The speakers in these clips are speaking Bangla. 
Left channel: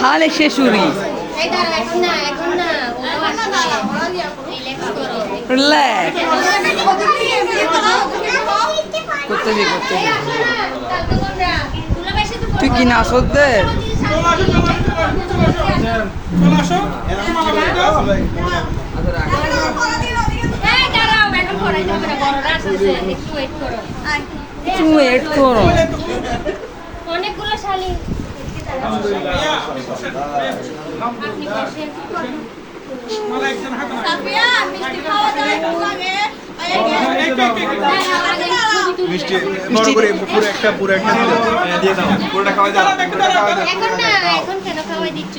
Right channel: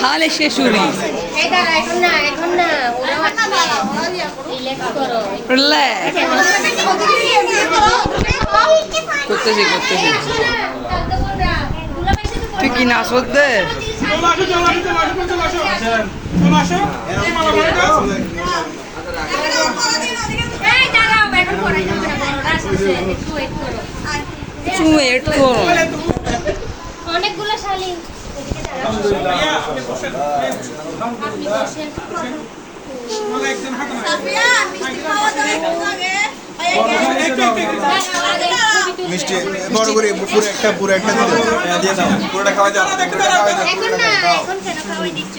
খালে শেষুরি রিল্যাক্স করতেছি তুই কি না সদ্যে ওয়েট করো অনেকগুলো শালি মিষ্টি বড় করে পুরো একটা দিয়ে দাও পুরোটা খাওয়াই দাও এখন না এখন কেন খাওয়াই দিচ্ছ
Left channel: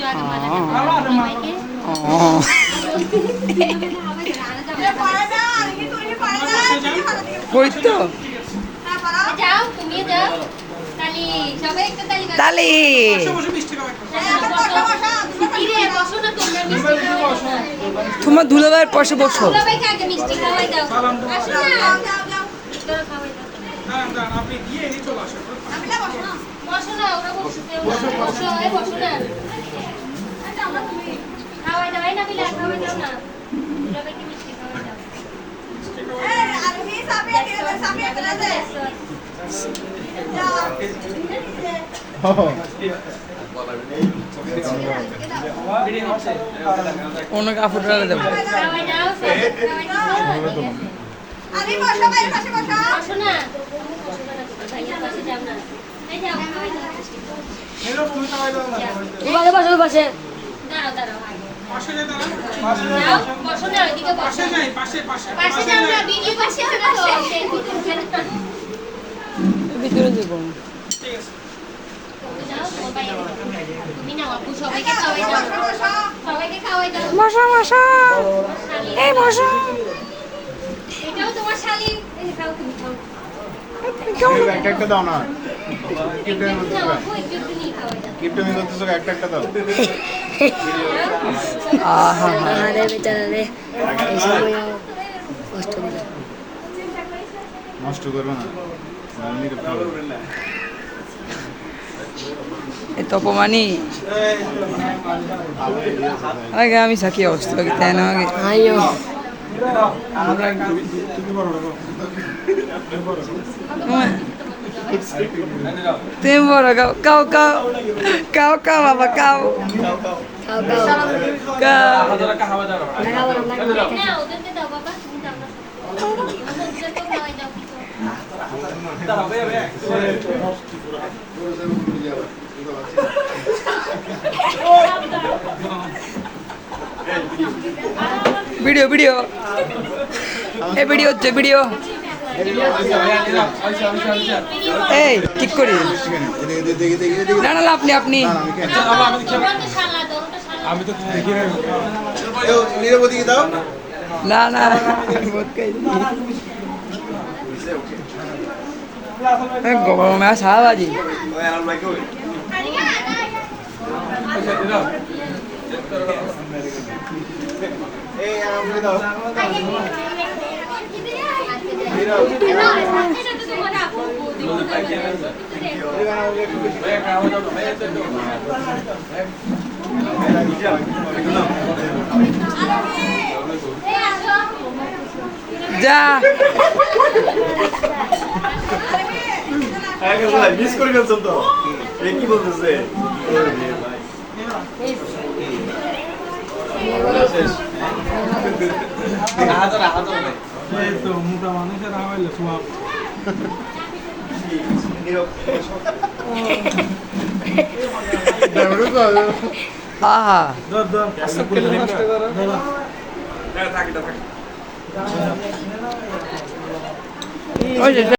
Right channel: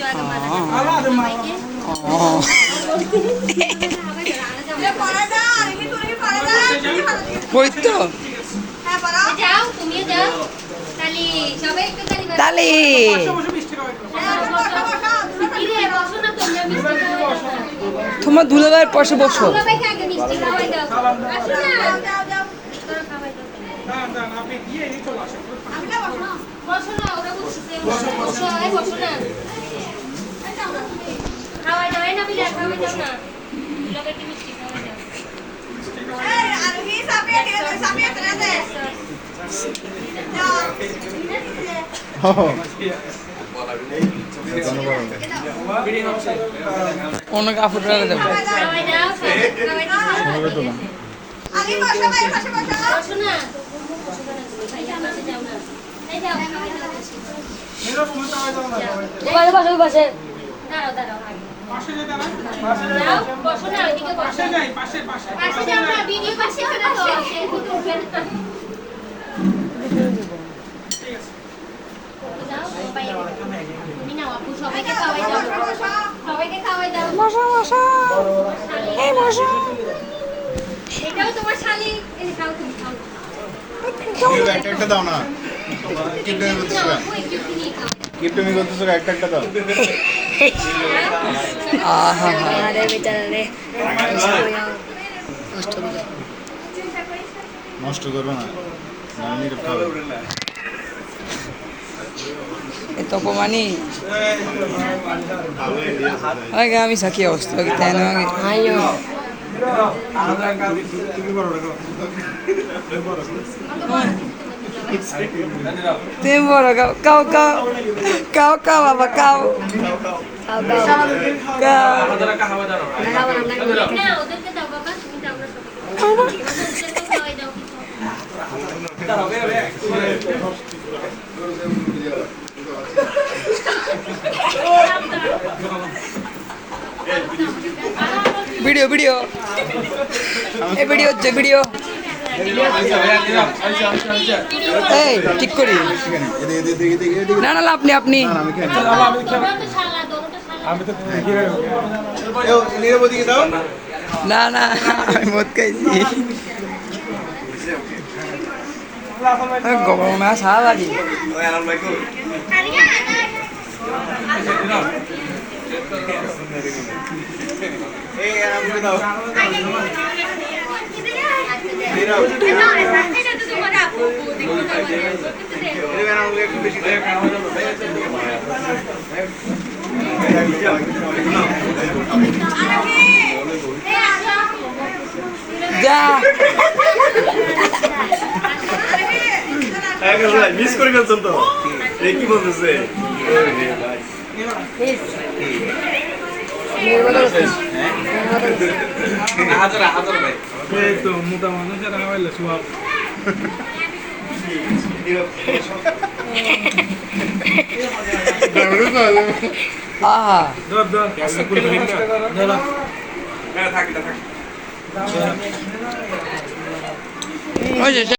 কই তো যাও তুমি যাও তালি সবাই একটু তালি তালি বসো না তোমরা মিষ্টি খাওয়াই তোমার দুলাভাইয়ের পাশে বসো সবাইকে আগে মিষ্টি খাওয়াই দাও আসো না তোরা খাওয়াই দাও আপনি গিয়ে এই চলে আসো বসো না ওরা বসো এই বসো না খাওয়াই দাও না বিলা খাওয়াই দাও না সবাইকে মিষ্টি খাওয়াই দাও অন্য কাপড় রাখা যাবো খাওয়াই দাও খাওয়াই দাও বসো না ভাইয়া পাশে যাও না এই যাও খাওয়াই দাও বসে দাঁড়াও পাশে যে তারা যাও বসো না ওইদিকে বসো নাই পাশে পাশে পাশে যাও না ভিডিও পাশে হবে তো ভিতরে দেবো যাও মোবাইল তুমি না আপু সবাইকে খাওয়াই দাও সবাইকে খাওয়াই দাও মশা এই মশা এটাও তোমার শালি এই খাও তুমি খাও একটা দাও না কিপটমি না বলতেছো আপু একটু কিনি খাওয়াই দাও কিপটমি বলতেছো একটা দাও আহা নষ্ট করবে না আমি খাবে এ তপমানি আগে আমি সাকি অবস্থা আগে তাই না আগে তুমি বড় রাখো তুমি বড় কাও বাবা কাও না ওদেরকে দাও বাবা তুমি দাও না ওদেরকে তো খাওয়াই দাও ভিডিও এই ভিডিও হচ্ছে ভিডিও এই ঠিক করি না না আপনি তোমরা তো শালা দরটা শালা আমি তো দেখি না নিরবধি দাও না আমি মদ খাইছি গরম না সারাবাজি যা মিস করে ফেলছেন তো কি বলতেছে এই তো মোটা মানুষের হাওয়াইলে সোয়াব আহা ধর ধর ধর ওই যে